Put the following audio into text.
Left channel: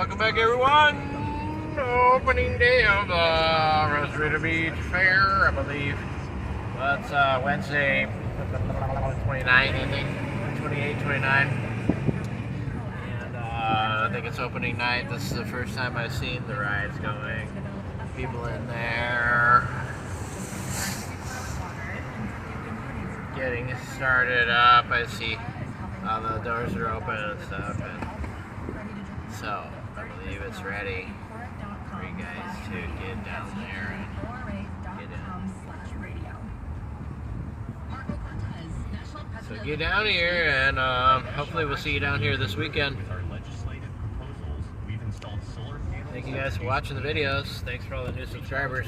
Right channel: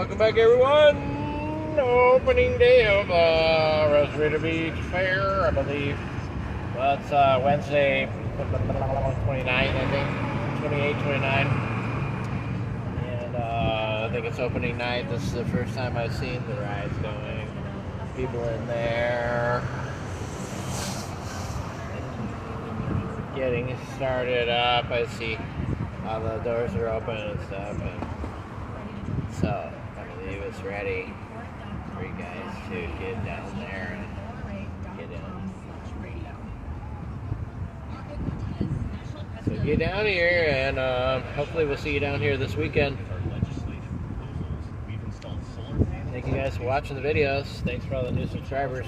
welcome back everyone. Opening day of Rosarito Beach Fair, I believe. That's Wednesday, 29th, I think. 28, 29. And I think it's opening night. This is the first time I've seen the rides going. People in there. Getting started up. I see all the doors are open and stuff. And so, I believe it's ready for you guys to get down there and get in. So get down here and hopefully we'll see you down here this weekend. Thank you guys for watching the videos. Thanks for all the new subscribers.